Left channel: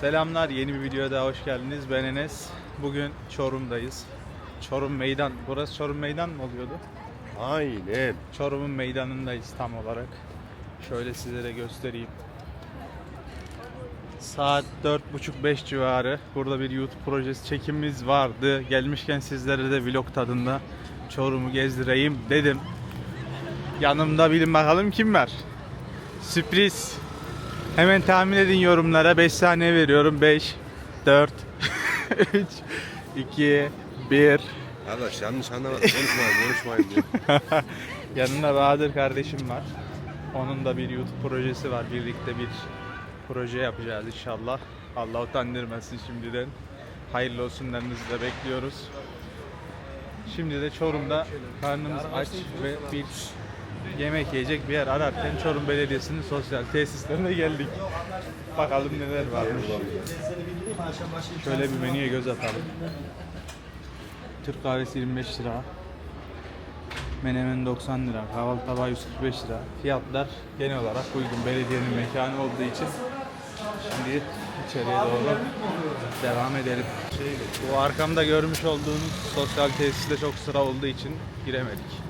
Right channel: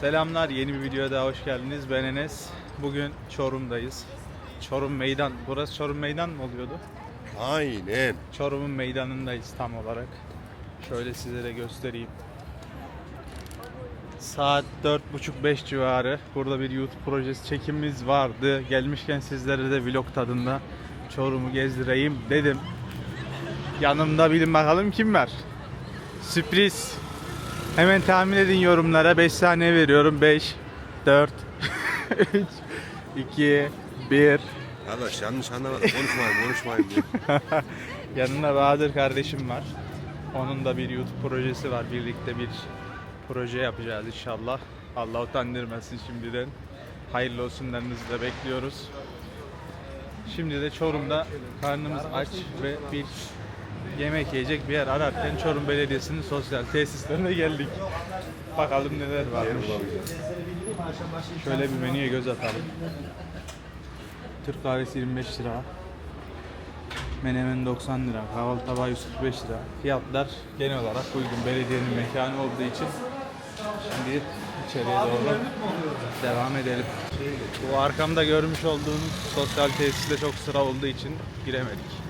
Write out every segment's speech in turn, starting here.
Selamlar, yeni bir videoya daha hoş geldiniz. Ben Enes. Bugün Çorum'dayız. Çorum Meydan. Burası Çorum Meydan mı oluyordu? Aynen. Çorum'un meydanındayız tam olarak. Şöyle sizlere göstereyim. Saat 4.30-5 civarı. Burada bir YouTube projesi çekimimiz vardı. Gelmişken sizlere de vlog tadında Çorum'u gezdireyim dedim. Yanımda bilin bakalım kim var? Sürpriz. Hemen tahmin edin yorumlara. 5 saniye veriyorum. 5, 4, 3, 2, 1. Arkadaş yanlış anlamadım. Konuşmayın konuşmayın. Yanımda Bahadır kardeşim var. Onun da bir YouTube projesi var. Birlikte bir proje yapacağız inşallah. Allah utandırmasın şimdiden. Hayırlı olsunlarınızı da bekliyoruz. Şimdi de Çorum'da karnımız aç ve bir yemek yiyecek bir yer ararken Çorum Belediyesi'nin sosyal tesislerine geldik. Bakalım neler varmış. Şöyle bir menüye göz atalım. Türk kahvesi 25 lira. Menemen 90 lira, kahvaltı tabağı 145 lira. Fiyatlar genel olarak uygun. Belediyenin mekanı olduğu için şimdi içeriye doğru devam edelim. Bu arkamda görmüş olduğunuz sosyal tesiste çok sıra olduğu için giremedik.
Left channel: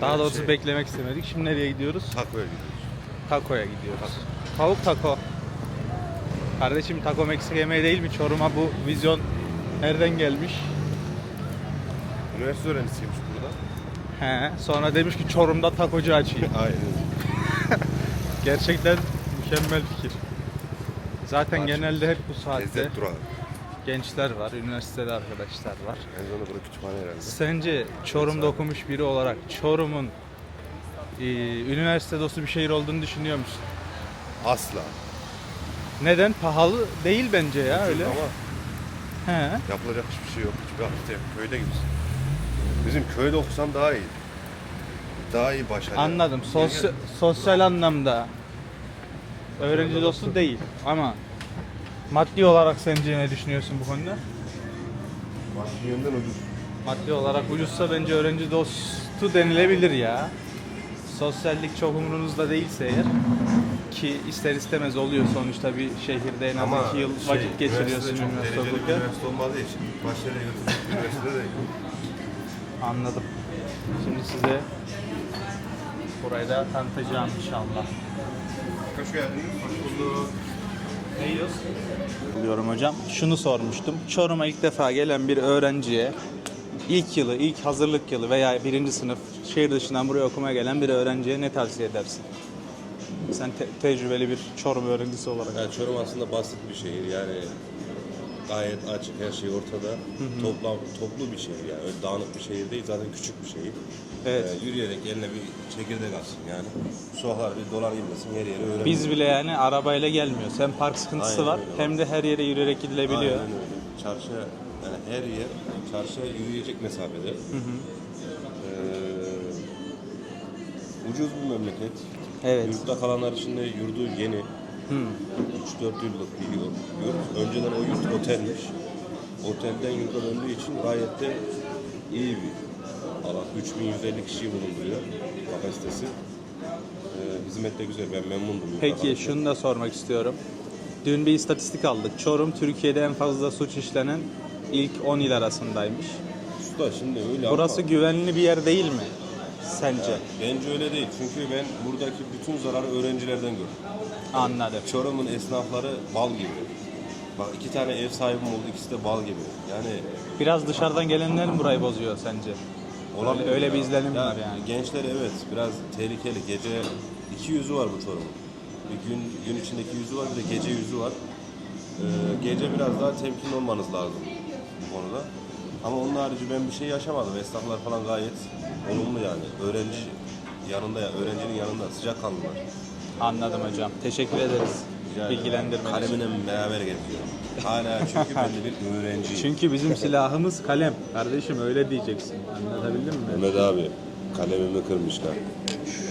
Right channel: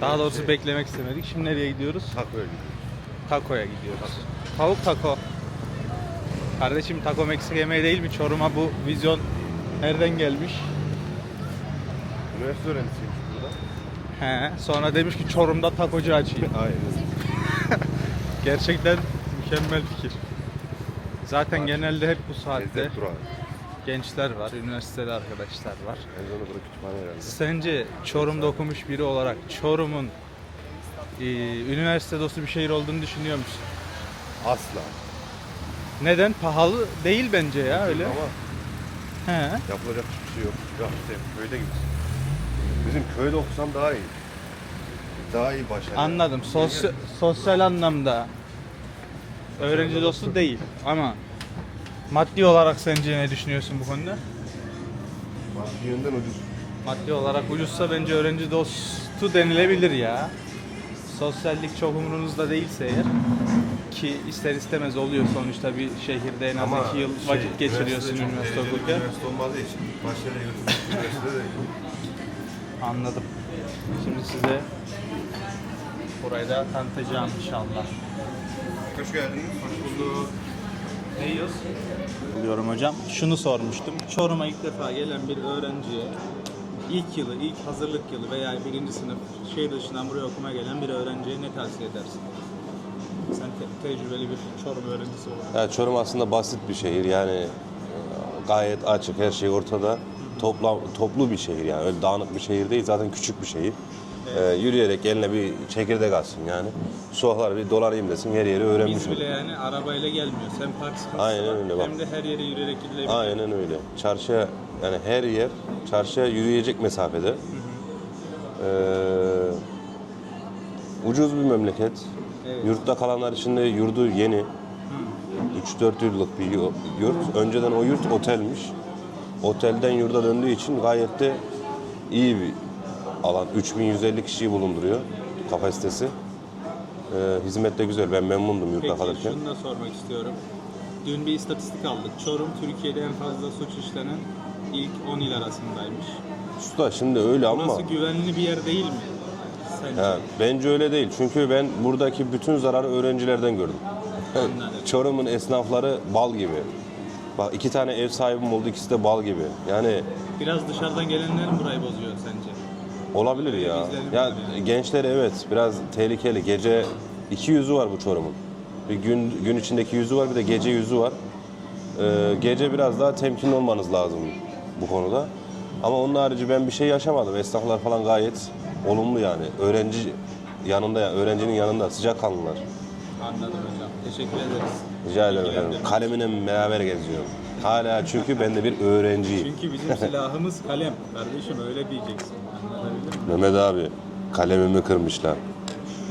Daha doğrusu beklemek istemedik. Şimdi nereye gidiyoruz? Tak öyle. Tako'ya gidiyoruz. Tavuk taco. Kardeşim taco Meksika yemeği değil mi? Çorum'a bu vizyon nereden gelmiş? Üniversite öğrencisiymiş burada. He, sonra demiş ki Çorum'da takocu açayım. Aynen. Gerçekten mükemmel fikir. Zaten genelde hep bu saatte Lezzet durağı. Gençler var, üniversitede arkadaşlar var. Sence Çorum'da okumuş biri olarak Çorum'un e, üniversite dostu bir şehir olduğunu düşünüyor musun? Asla. Neden? Pahalı değil bence ya öyle. He. yapılacak hiçbir şey yok. İşte köyde gibisin. Bizim köyde okusan daha iyi. Daha iyi başarı. Anladım. Sosyal, sosyal anlamda öğrenci dostu değil ama maddi olarak sence ne düşünüyorsun bu konuda? Maddi yönden ucuz. Maddi olarak ucuzsa bence öğrenci dostu denilebilir ya. Sosyallik çok umurunuzda değilse eğer ki ister istemez oluyor sonuçta bir şehirde en az Ama iki yıl şey, vakit geçiriyorsun üniversitede üniversite bir okurken. Üniversite olmadığı için başarıya götürecek bir üniversite değil. Anladım. Şimdi size burayı da tanıtacağım inşallah. Hoş geldiniz. Hoş bulduk. Ne yiyoruz? Buluyorum hocam. Şunu sormuştum. Çorum'a ilk defa gelen bir öğrenciye ilk yılı, ilk hazırlık yılı veya birinci sınıf şehir dışından buraya okumaya gelen bir öğrenciye ne tavsiye edersin? Sen te- tecrübeli bir Çorum öğrencisi olarak. Ya Çorum aslında basit bir şehir yani e, gayet açık her şey ortada. Toplam toplu bir şehir yani öyle dağınık bir şehir değil zaten küçük bir şehir. Evet. Ee, yürüyerek eline bir çekirdek atsın yani. Sokakları bir dolanayım desin her yeri öğrenmiş. Biz bile yani arabayla gelmiyoruz. Hem park sıkıntısı Aynen var öyle bak. hem de her yere yürüyerek gidilebiliyor. Aynen öyle. Çarşıya yani her yer çarşıya yürüyecek mesafede. Ee, ucuz bir memleket. Evet. Yurtta kalanlar için de yurdu yeni. 3-4 yıllık bir yu- yurt. Önceden o yurt otelmiş. Otelden yurda döndüğü için gayet de iyi bir alan. 3150 kişiyi bulunduruyor kapasitesi. Ee, hizmet de güzel. Ben memnundum yurtta Peki kalırken. şunu da sormak istiyorum. Dün bir istatistik aldık. Çorum Türkiye'de en fazla suç işlenen ilk 10 il arasındaymış. Usta şimdi öyle ama... Burası güvenli bir yer değil mi? Sence? Ya, bence öyle değil. Çünkü ben buradaki bütün zararı öğrencilerden gördüm. Anladım. Çorum'un esnafları bal gibi. Bak iki tane ev sahibim oldu ikisi de bal gibi. Yani Biraz dışarıdan gelenler mi burayı bozuyor sence? Olabilir Öyle ya. bir izlenim ya, var yani. Gençler evet biraz tehlikeli. Gece iki yüzü var bu Çorum'un. Bir gün gün içindeki yüzü var bir de gece yüzü var. Ee, gece biraz daha temkinli olmanız lazım bu konuda. Ama onun harici ben bir şey yaşamadım. Esnaflar falan gayet olumlu yani. Öğrenci yanında ya, öğrencinin yanında sıcakkanlılar. Anladım hocam. Teşekkür ederiz. Rica ederim. Bilgilendirme için. Kalemine beraber geziyorum. Hala çünkü ben de bir öğrenciyim. Çünkü bizim silahımız kalem. Kardeşim öyle diyeceksin. Anlatabildim mi? Mehmet abi kalemimi kırmışlar.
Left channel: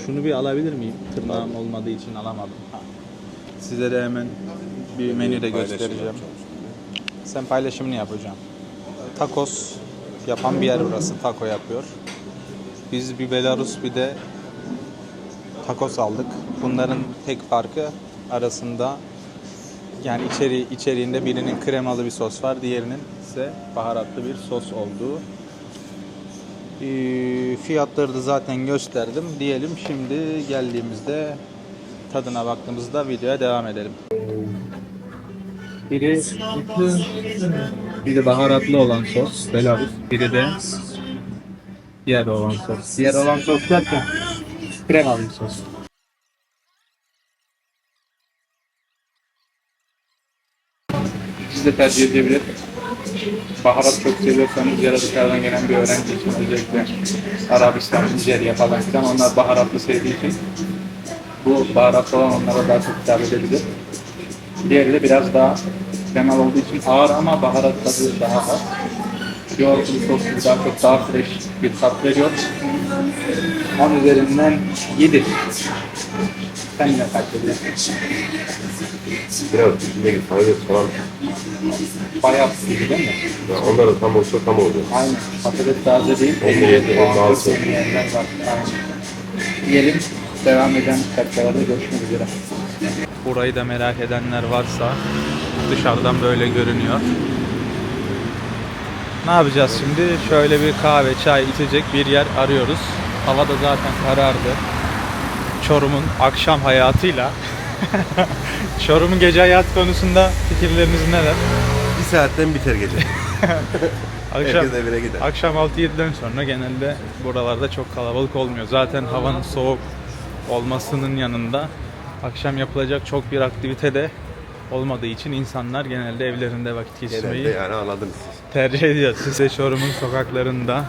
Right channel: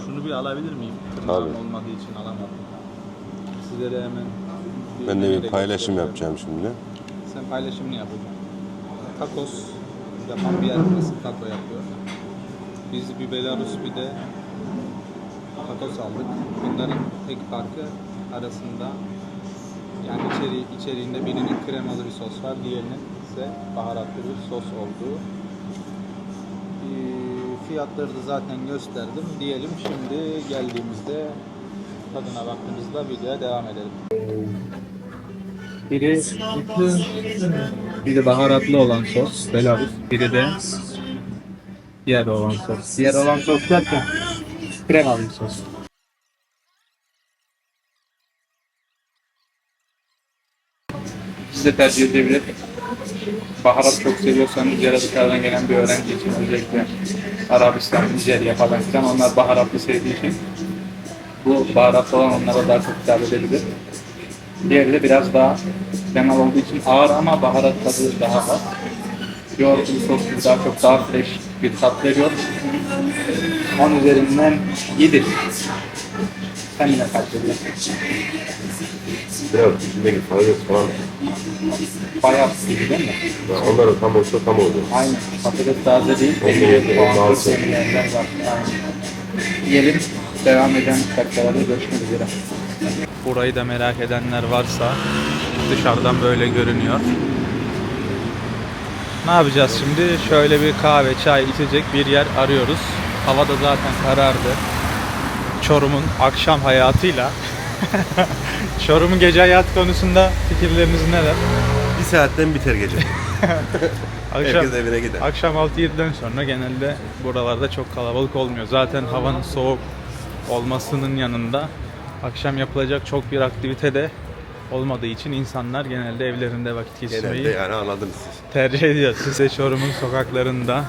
Şunu bir alabilir miyim? Tırnağım Tabii. olmadığı için alamadım. Size de hemen bir Ben menü de bir paylaşım göstereceğim. yapacağım şimdi. Sen paylaşımını yapacağım. Tacos yapan bir yer burası. Taco yapıyor. Biz bir Belarus bir de tacos aldık. Bunların tek farkı arasında Yani içeri içeriğinde birinin kremalı bir sos var, diğerinin ise baharatlı bir sos olduğu. Ee, fiyatları da zaten gösterdim. Diyelim şimdi geldiğimizde tadına baktığımızda videoya devam edelim. Biri biri baharatlı olan sos, belarus. Biri de diğer olan sos. Diğer olan sos derken kremalı bir sos. Siz de tercih edebilir. Baharat çok seviyorsanız ya da dışarıdan gelen bir öğrenci için özellikle Arabistan, Nijerya falan filan onlar baharatlı sevdiği için bu baharatlı olan onlara daha çok hitap edebilir. Diğeri de biraz daha kremalı olduğu için ağır ama baharat tadı daha az. Yoğurtlu sos gibi daha çok daha fresh bir tat veriyor. 10 üzerinden 7. Sen yine kaç veriyorsun? Biraz içindeki patates falan. Bayağı gibi değil mi? Ya onlar da tam olsa tam oldu. Aynen. Patates taze değil. On yedi, on altı. Yerler var. Aynen. Yiyelim. Devam eden dakikalarda görüşmek üzere. Burayı da merak edenler varsa dışarıdan böyle görünüyor. Ne yapacağız şimdi? Şöyle bir kahve, çay içecek bir yer arıyoruz. Hava da zaten karardı. Çorum'un akşam hayatıyla Çorum'un gece hayatı konusunda fikirleriniz neler? Bir saatten biter gece. Akşam, Herkes evine gider. Akşam 6-7'den sonra genelde buralarda çok kalabalık olmuyor. Zaten havanın soğuk olmasının yanında akşam yapılacak çok bir aktivite de olmadığı için insanlar genelde evlerinde vakit Genelde geçirmeyi yani anladım. tercih ediyor. Size Çorum'un sokaklarında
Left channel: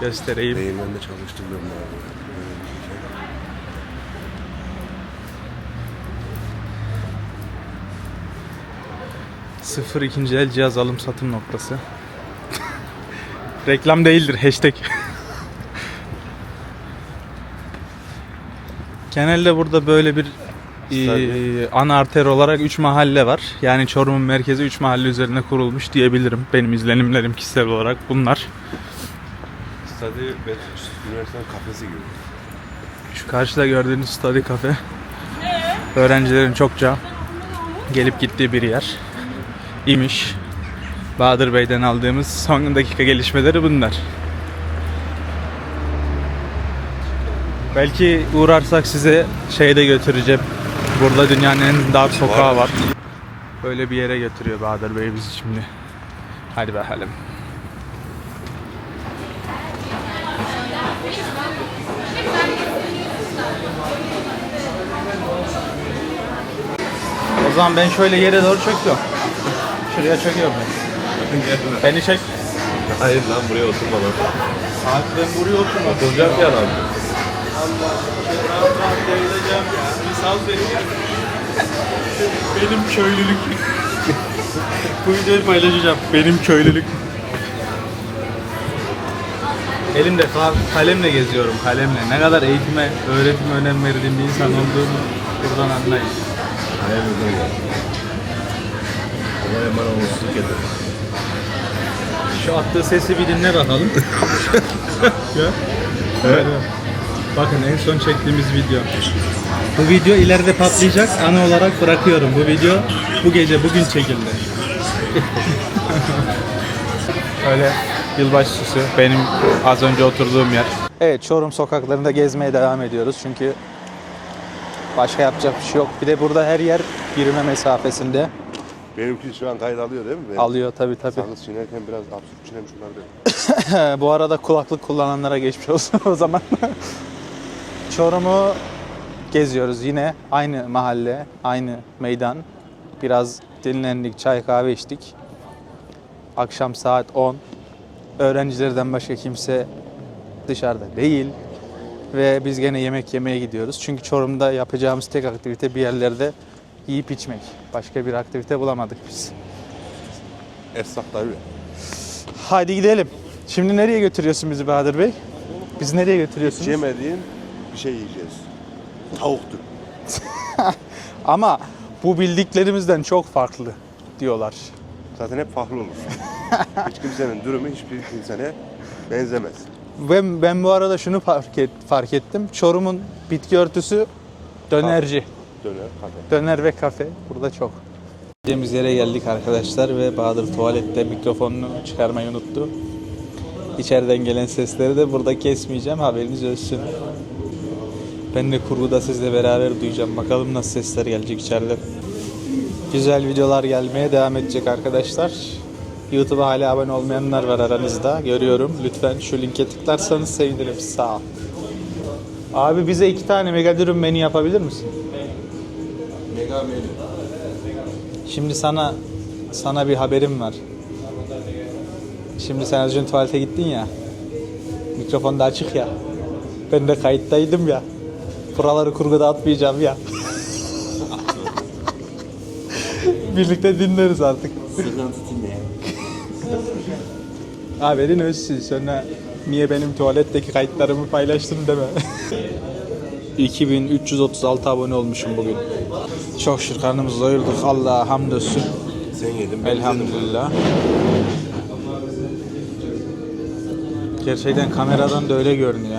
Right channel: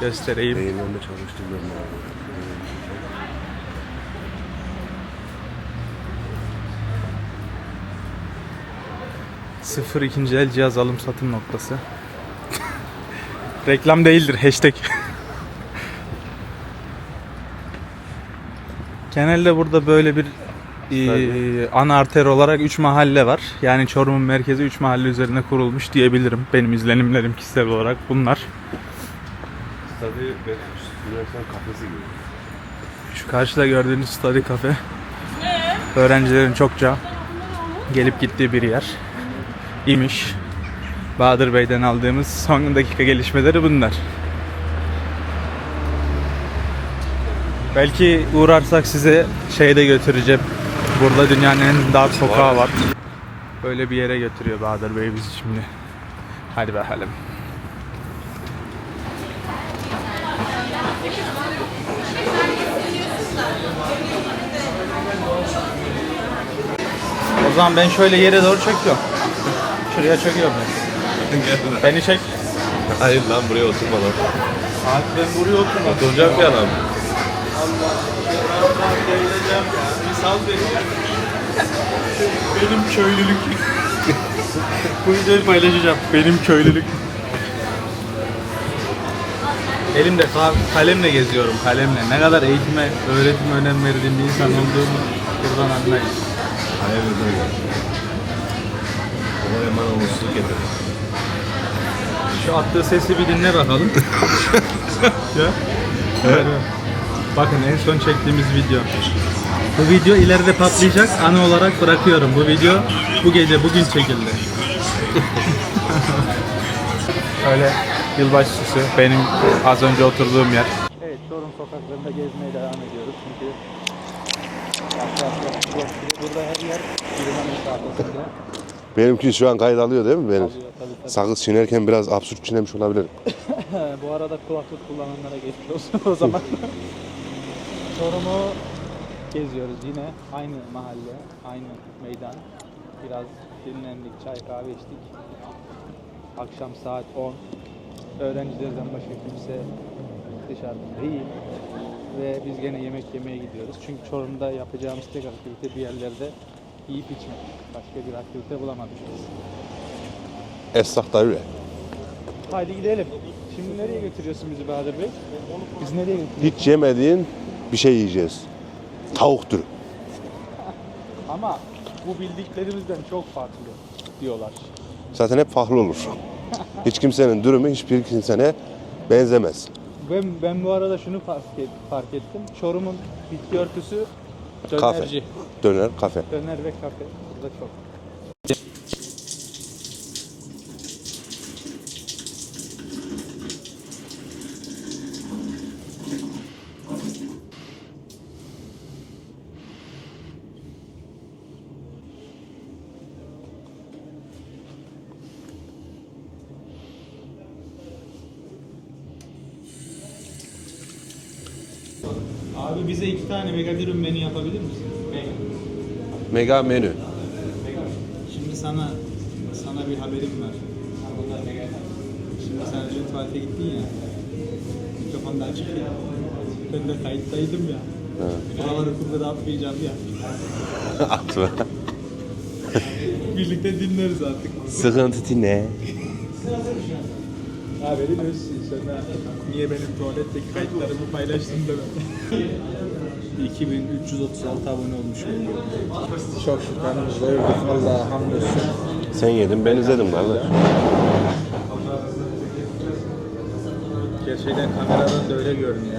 göstereyim. Beyinlerinde çalıştırmıyorum abi. 0 ikinci el cihaz alım satım noktası. Reklam değildir hashtag. Genelde burada böyle bir e, ana arter olarak 3 mahalle var. Yani Çorum'un merkezi 3 mahalle üzerine kurulmuş diyebilirim. Benim izlenimlerim kişisel olarak bunlar. Stadı ve üniversite kafesi gibi. Şu karşıda gördüğünüz study kafe. Öğrencilerin çokça gelip gittiği bir yer. İmiş. Bahadır Bey'den aldığımız son dakika gelişmeleri bunlar. Belki uğrarsak size şeyde götüreceğim. Burada dünyanın en dar sokağı var. Böyle bir yere götürüyor Bahadır Bey bizi şimdi. Hadi bakalım. O zaman ben şöyle yere doğru çöküyorum. Şuraya çöküyorum ben. Beni çek. Hayır lan buraya oturma lan. Abi ben buraya oturmak Oturacak ya lan. Devrileceğim ya. Sal beni ya. Benim köylülük. Bu videoyu paylaşacağım. Benim köylülük. Elimde ka- kalemle geziyorum kalemle. Ne kadar eğitime, öğretime önem verdiğim bir insan olduğumu buradan anlayın. Hayır böyle. Ona hemen olumsuzluk. Şu attığı sesi bir dinle bakalım. ya. Evet. Bakın en son çektiğimiz video. Bu video ileride patlayacak. Anı olarak bırakıyorum. Bu video bu gece bugün çekildi. Öyle yılbaşı süsü benim az önce oturduğum yer. Evet Çorum sokaklarında gezmeye devam ediyoruz çünkü başka yapacak bir şey yok. Bir de burada her yer yürüme mesafesinde Benimki şu an kayıt alıyor değil mi? Ben alıyor tabii tabii. Sakız çiğnerken biraz absürt çiğnemiş olabilirim. Bu arada kulaklık kullananlara geçmiş olsun o zaman. Çorum'u geziyoruz yine aynı mahalle, aynı meydan. Biraz dinlendik, çay kahve içtik. Akşam saat 10. Öğrencilerden başka kimse dışarıda değil. Ve biz gene yemek yemeye gidiyoruz. Çünkü Çorum'da yapacağımız tek aktivite bir yerlerde yiyip içmek. Başka bir aktivite bulamadık biz. Esnaf da öyle. Haydi gidelim. Şimdi nereye götürüyorsun bizi Bahadır Bey? Biz nereye götürüyorsun? Hiç yemediğin bir şey yiyeceğiz. Tavuk türü. Ama bu bildiklerimizden çok farklı diyorlar. Zaten hep farklı olur. Hiç kimsenin durumu hiçbir insana benzemez. Ben, ben bu arada şunu fark, et- fark ettim. Çorum'un bitki örtüsü dönerci. Döner, kafe. Döner ve kafe burada çok. Gideceğimiz yere geldik arkadaşlar ve Bahadır tuvalette mikrofonunu çıkarmayı unuttu. İçeriden gelen sesleri de burada kesmeyeceğim haberiniz olsun. Ben de kurguda sizle beraber duyacağım. Bakalım nasıl sesler gelecek içeride. Güzel videolar gelmeye devam edecek arkadaşlar. YouTube'a hala abone olmayanlar var aranızda. Görüyorum. Lütfen şu linke tıklarsanız sevinirim. Sağ ol. Abi bize iki tane mega dürüm menü yapabilir misin? Mega menü. Şimdi sana sana bir haberim var. Şimdi sen az önce tuvalete gittin ya. Mikrofon da açık ya. Ben de kayıttaydım ya. Buraları kurguda atmayacağım ya. Birlikte dinleriz artık. Sıkıntı ne? Haberin olsun. Sonra niye benim tuvaletteki kayıtlarımı paylaştın deme. 2336 abone olmuşum bugün. Çok şükür karnımızı doyurduk. Allah'a hamdolsun. Sen yedin ben izledim galiba. Gerçekten kameradan da öyle görünüyor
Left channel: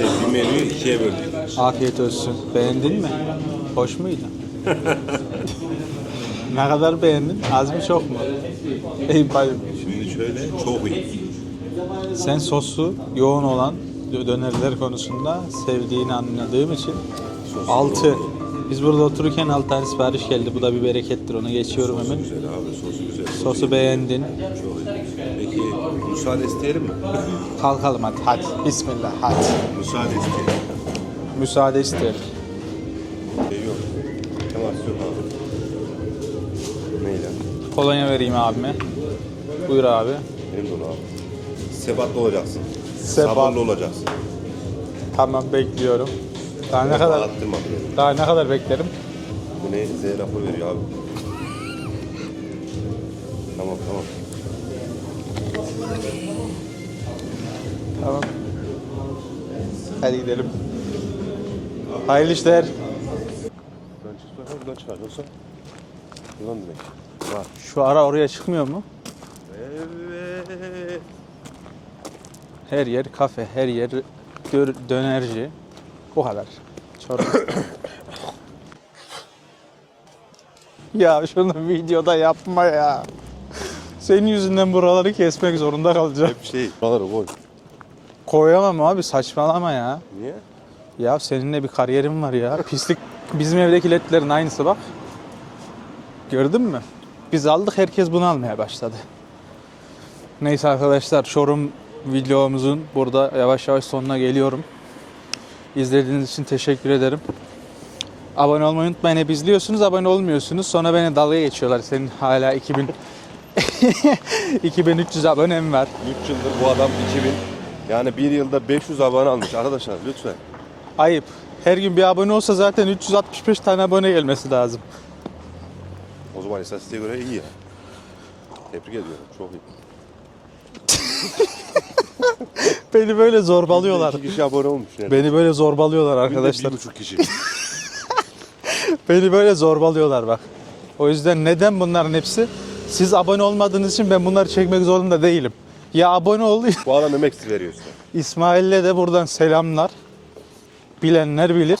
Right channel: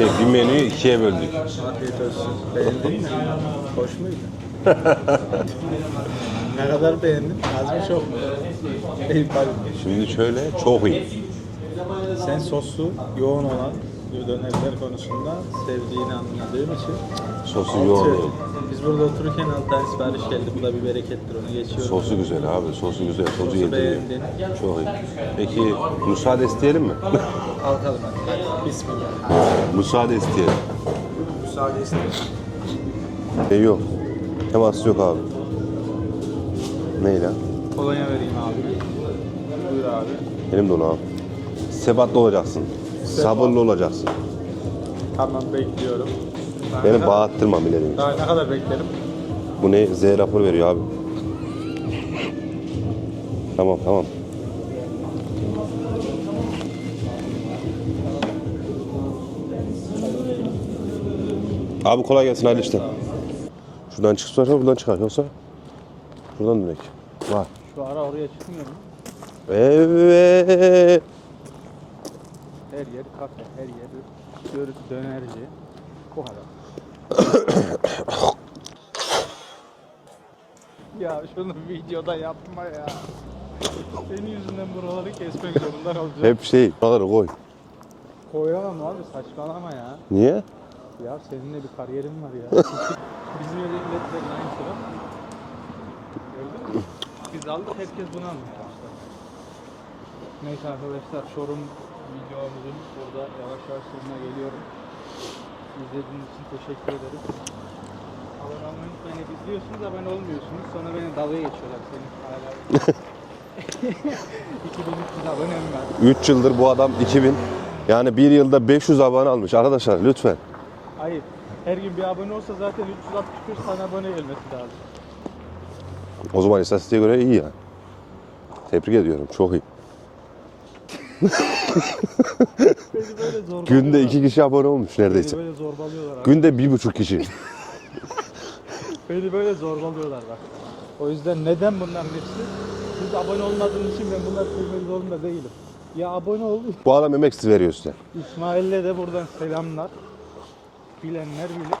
Şey bir menüyü ikiye böldük. Afiyet olsun. Beğendin mi? Hoş muydu? ne kadar beğendin? Az mı çok mu? İyi pay. Şimdi şöyle çok iyi. Sen sosu yoğun olan dönerler konusunda sevdiğini anladığım için Sosu 6. Biz burada otururken 6 tane sipariş geldi. Bu da bir berekettir. Onu geçiyorum. Sosu güzel abi, sosu güzel. Sosu, Sosu beğendin. Çok iyi. Peki müsaade isteyelim mi? Kalkalım hadi. Hadi. Bismillah. Hadi. müsaade isteyelim. Müsaade isterim. Şey yok. Temas yok abi. Neyle? Kolonya vereyim abime. Buyur abi. Benim de onu abi. Sebatlı olacaksın. Sebat. Sabırlı olacaksın. Tamam bekliyorum. Daha ne kadar, bağırttırmam ileri. daha ne kadar beklerim? Bu ne? Z rapor veriyor abi. Tamam tamam. Tamam. Hadi gidelim. Abi kolay Hayırlı gelsin abi işler. işte. Şuradan çıksa buradan çıkar. Yoksa buradan direkt. Var. Şu ara oraya çıkmıyor mu? Evet. Her yer kafe, her yer gör, dönerci. Bu kadar. Çorba. ya şunu videoda yapma ya. Senin yüzünden buraları kesmek zorunda kalacağım. Hep şey. Buraları koy. Koyamam abi saçmalama ya. Niye? Ya seninle bir kariyerim var ya. Pislik. Bizim evdeki ledlerin aynısı bak. Gördün mü? Biz aldık herkes bunu almaya başladı. Neyse arkadaşlar Çorum videomuzun burada yavaş yavaş sonuna geliyorum. İzlediğiniz için teşekkür ederim. Abone olmayı unutmayın. Hep izliyorsunuz, abone olmuyorsunuz. Sonra beni dalga geçiyorlar. Senin hala 2000 2300 abonem var. 3 yıldır bu adam 2000. Yani bir yılda 500 abone almış arkadaşlar lütfen. Ayıp. Her gün bir abone olsa zaten 365 tane abone gelmesi lazım. O zaman istatistiğe göre iyi ya. Tebrik ediyorum çok iyi. Beni böyle Günde zorbalıyorlar. iki kişi abone olmuş neredeyse. Beni böyle zorbalıyorlar Günde arkadaşlar. bir buçuk kişi. Beni böyle zorbalıyorlar bak. O yüzden neden bunların hepsi? Siz abone olmadığınız için ben bunları çekmek zorunda değilim. Ya abone ol. bu adam emek veriyor size. İsmail'le de buradan selamlar. Bilenler bilir.